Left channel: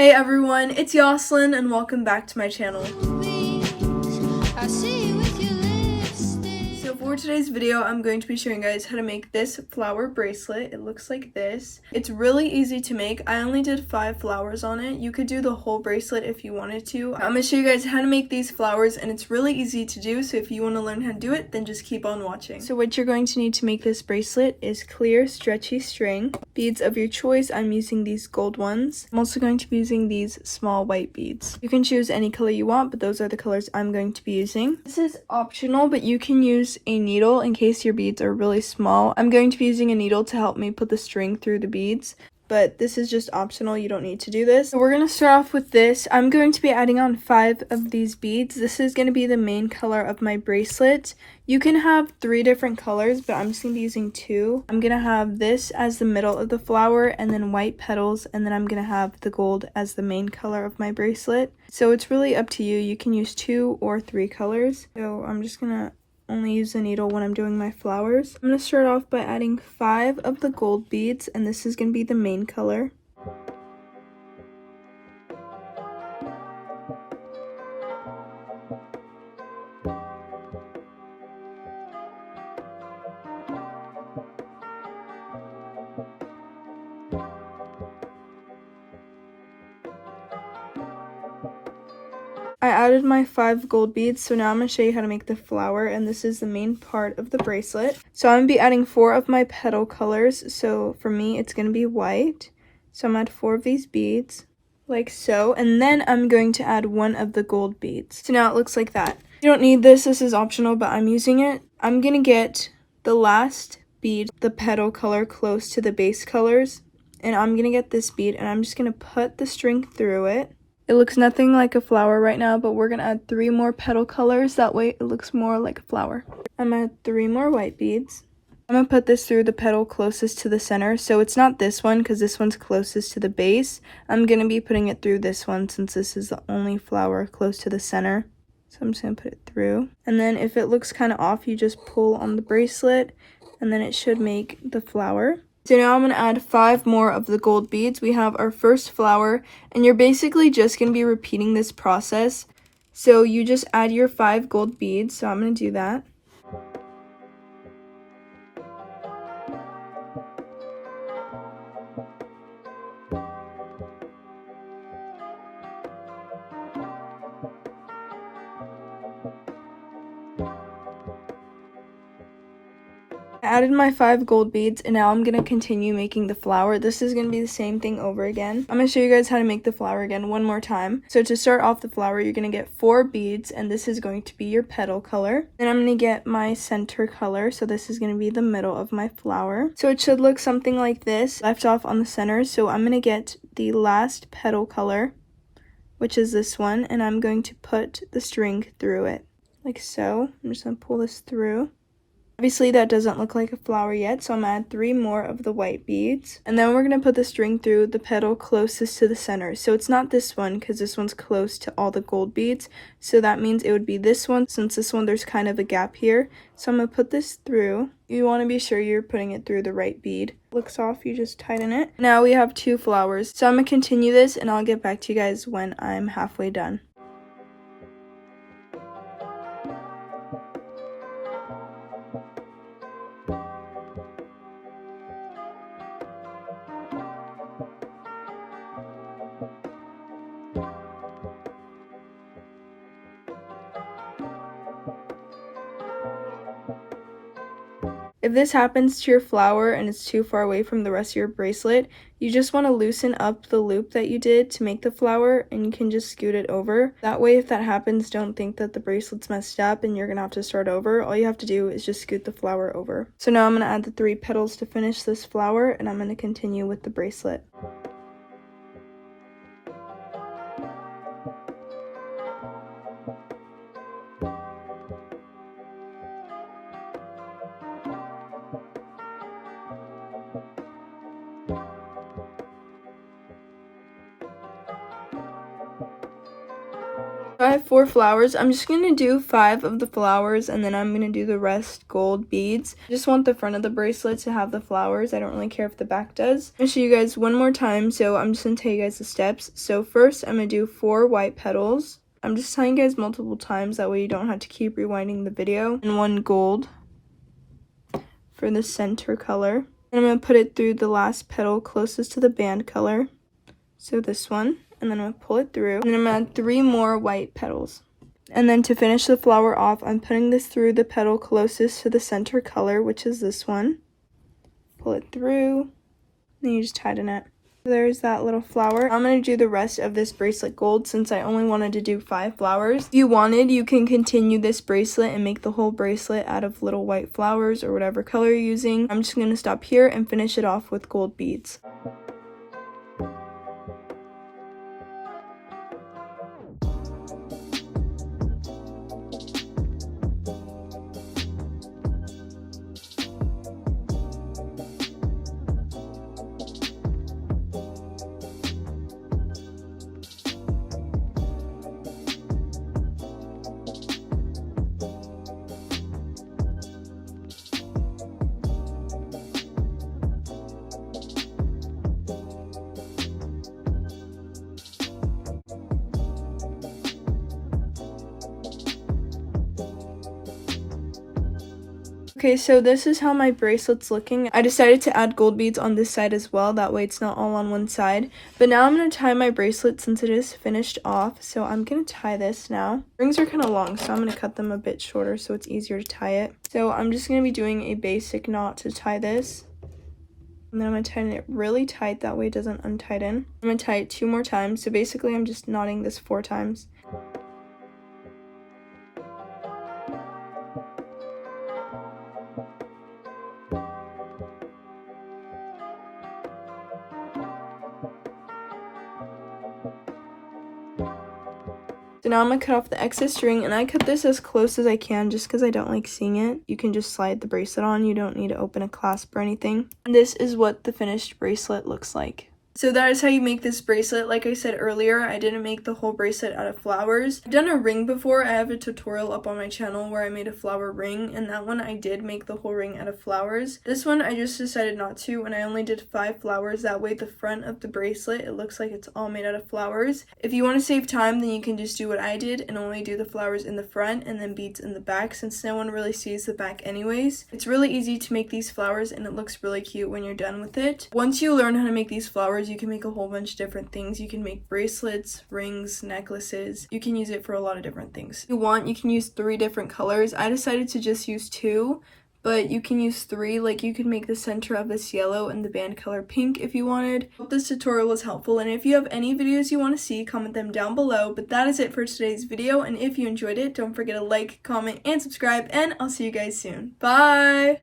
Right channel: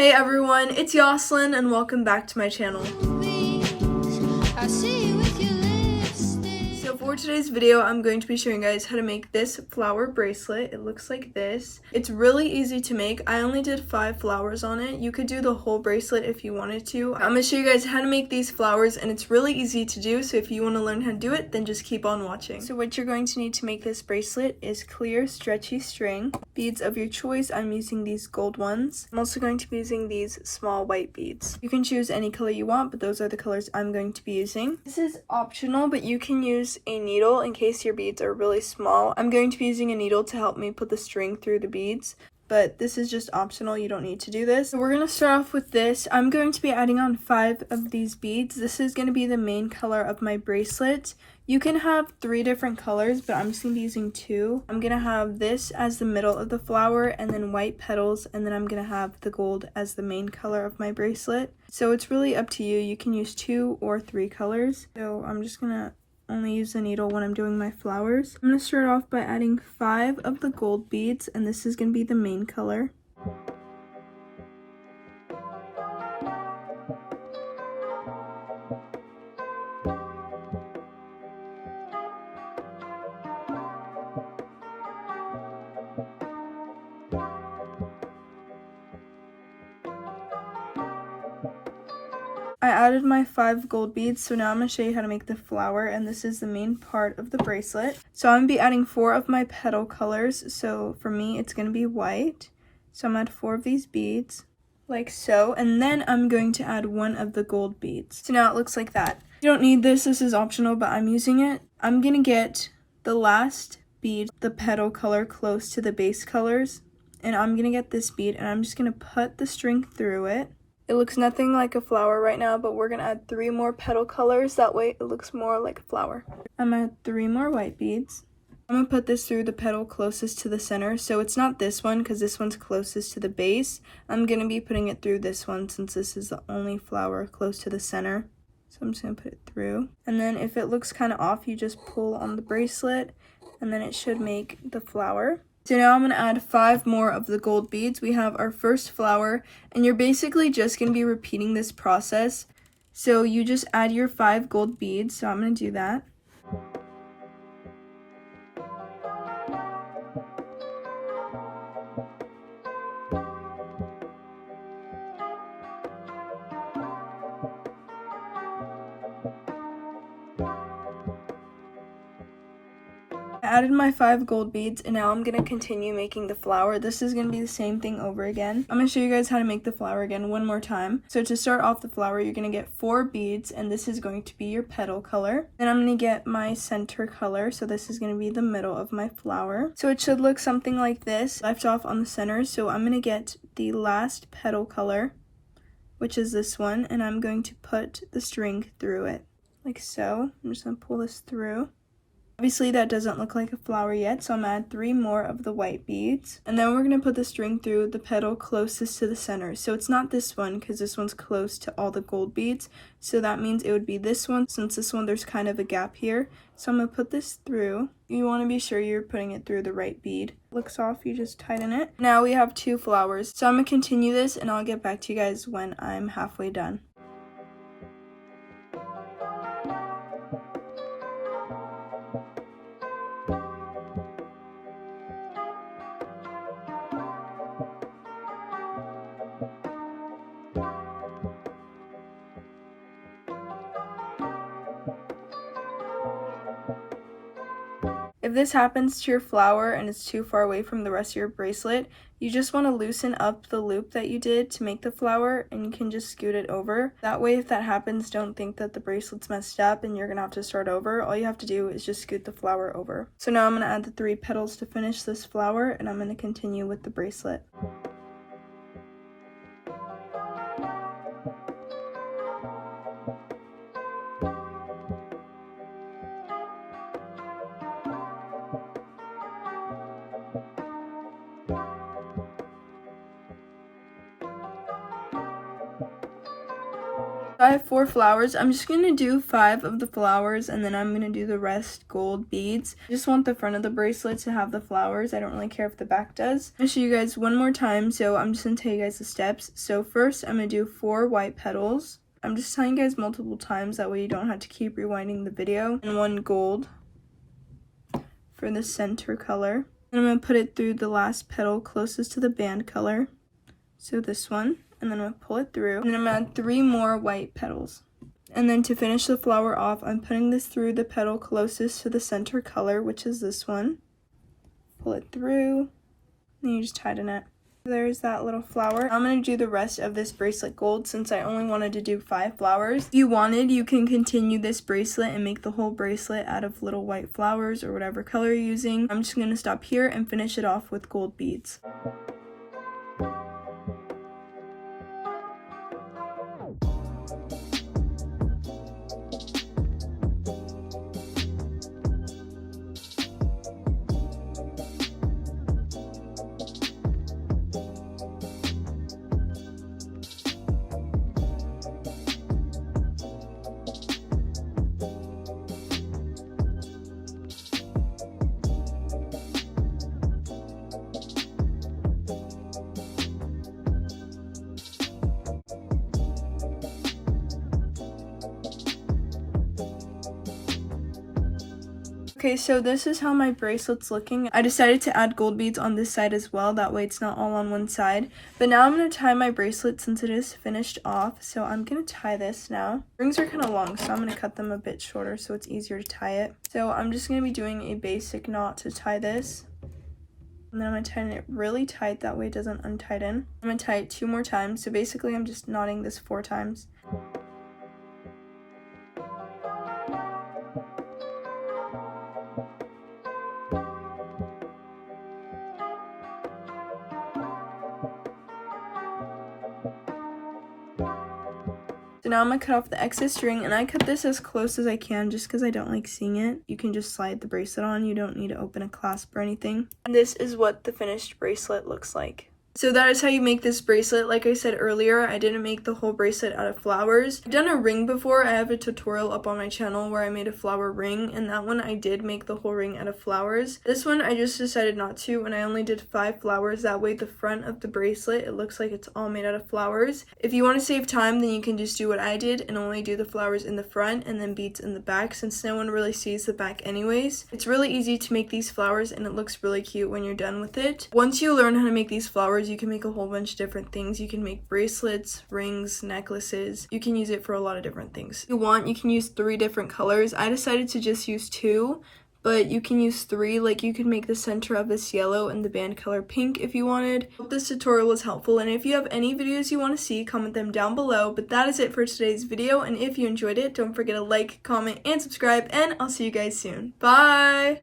Hey everyone, it's Yoslin and welcome back to my channel. So for today's video, I'm going to be showing you guys how to make this flower bracelet. It looks like this. It's really easy to make. I only did 5 flowers on it. You could do the whole bracelet if you wanted to. I'm going to show you guys how to make these flowers and it's really easy to do. So if you want to learn how to do it, then just keep on watching. So what you're going to need to make this bracelet is clear stretchy string, beads of your choice. I'm using these gold ones. I'm also going to be using these small white beads. You can choose any color you want, but those are the colors I'm going to be using. This is optional, but you can use a needle in case your beads are really small. I'm going to be using a needle to help me put the string through the beads, but this is just optional. You don't need to do this. So we're going to start off with this. I'm going to be adding on 5 of these beads. This is going to be the main color of my bracelet. You can have 3 different colors, but I'm just going to be using 2. I'm going to have this as the middle of the flower and then white petals, and then I'm going to have the gold as the main color of my bracelet. So it's really up to you. You can use 2 or 3 colors. So I'm just going to only use the needle when I'm doing my flowers. I'm going to start off by adding 5 of the gold beads, and this is going to be the main color. I added my 5 gold beads, so now I'm going to show you how to make the flower, and this is the main part of the bracelet. So I'm going to be adding 4 of my petal colors, so for me it's going to be white. So I'm going to add 4 of these beads, like so, and then I'm going to add 1 of the gold beads. So now it looks like that. You don't need this is optional, but I'm using it. I'm going to get the last bead, the petal color close to the base colors, and I'm going to get this bead, and I'm just going to put the string through it. It looks nothing like a flower right now, but we're going to add 3 more petal colors. That way it looks more like a flower. I'm going to add 3 more white beads. I'm going to put this through the petal closest to the center. So it's not this one because this one's closest to the base. I'm going to be putting it through this one since this is the only flower close to the center. So I'm just going to put it through. And then if it looks kind of off, you just pull on the bracelet and then it should make the flower. So now I'm going to add 5 more of the gold beads. We have our first flower, and you're basically just going to be repeating this process. So you just add your 5 gold beads, so I'm going to do that. I added my 5 gold beads, and now I'm going to continue making the flower. This is going to be the same thing over again. I'm going to show you guys how to make the flower again one more time. So to start off the flower, you're going to get 4 beads, and this is going to be your petal color. Then I'm going to get my center color, so this is going to be the middle of my flower. So it should look something like this, left off on the center. So I'm going to get the last petal color, which is this one, and I'm going to put the string through it, like so. I'm just going to pull this through. Obviously that doesn't look like a flower yet, so I'm going to add 3 more of the white beads. And then we're going to put the string through the petal closest to the center. So it's not this one because this one's close to all the gold beads. So that means it would be this one, since this one there's kind of a gap here. So I'm going to put this through. You want to be sure you're putting it through the right bead. Looks off, you just tighten it. Now we have 2 flowers. So I'm going to continue this and I'll get back to you guys when I'm halfway done. If this happens to your flower and it's too far away from the rest of your bracelet, you just want to loosen up the loop that you did to make the flower, and you can just scoot it over. That way, if that happens, don't think that the bracelet's messed up and you're going to have to start over. All you have to do is just scoot the flower over. So now I'm going to add the 3 petals to finish this flower, and I'm going to continue with the bracelet. I have 4 flowers. I'm just going to do 5 of the flowers and then I'm going to do the rest gold beads. I just want the front of the bracelet to have the flowers. I don't really care if the back does. I'm going to show you guys one more time, so I'm just going to tell you guys the steps. So first I'm going to do 4 white petals. I'm just telling you guys multiple times, that way you don't have to keep rewinding the video. And 1 gold for the center color. And I'm going to put it through the last petal closest to the band color. So this one. And then I'm going to pull it through. And then I'm going to add 3 more white petals. And then to finish the flower off, I'm putting this through the petal closest to the center color, which is this one. Pull it through. Then you just tighten it. There's that little flower. I'm going to do the rest of this bracelet gold since I only wanted to do 5 flowers. If you wanted, you can continue this bracelet and make the whole bracelet out of little white flowers or whatever color you're using. I'm just going to stop here and finish it off with gold beads. Okay, so this is how my bracelet's looking. I decided to add gold beads on this side as well, that way it's not all on one side. But now I'm going to tie my bracelet since it is finished off, so I'm going to tie this now. Rings are kind of long, so I'm going to cut them a bit shorter so it's easier to tie it. So I'm just going to be doing a basic knot to tie this. And then I'm going to tighten it really tight, that way it doesn't untighten. I'm going to tie it 2 more times, so basically I'm just knotting this 4 times. So now I'm going to cut off the excess string, and I cut this as close as I can just because I don't like seeing it. You can just slide the bracelet on, you don't need to open a clasp or anything. And this is what the finished bracelet looks like. So that is how you make this bracelet. Like I said earlier, I didn't make the whole bracelet out of flowers. I've done a ring before. I have a tutorial up on my channel where I made a flower ring, and that one I did make the whole ring out of flowers. This one I just decided not to, and I only did 5 flowers. That way the front of the bracelet, it looks like it's all made out of flowers. If you want to save time, then you can just do what I did and only do the flowers in the front and then beads in the back, since no one really sees the back anyways. It's really easy to make these flowers, and it looks really cute when you're done with it. Once you learn how to make these flowers, you can make a whole bunch of different things. You can make bracelets, rings, necklaces. You can use it for a lot of different things. If you want, you can use 3 different colors. I decided to just use 2, but you can use 3. Like, you could make the center of this yellow and the band color pink if you wanted. Hope this tutorial was helpful, and if you have any videos you want to see, comment them down below. But that is it for today's video, and if you enjoyed it, don't forget to like, comment, and subscribe, and I'll see you guys soon. Bye!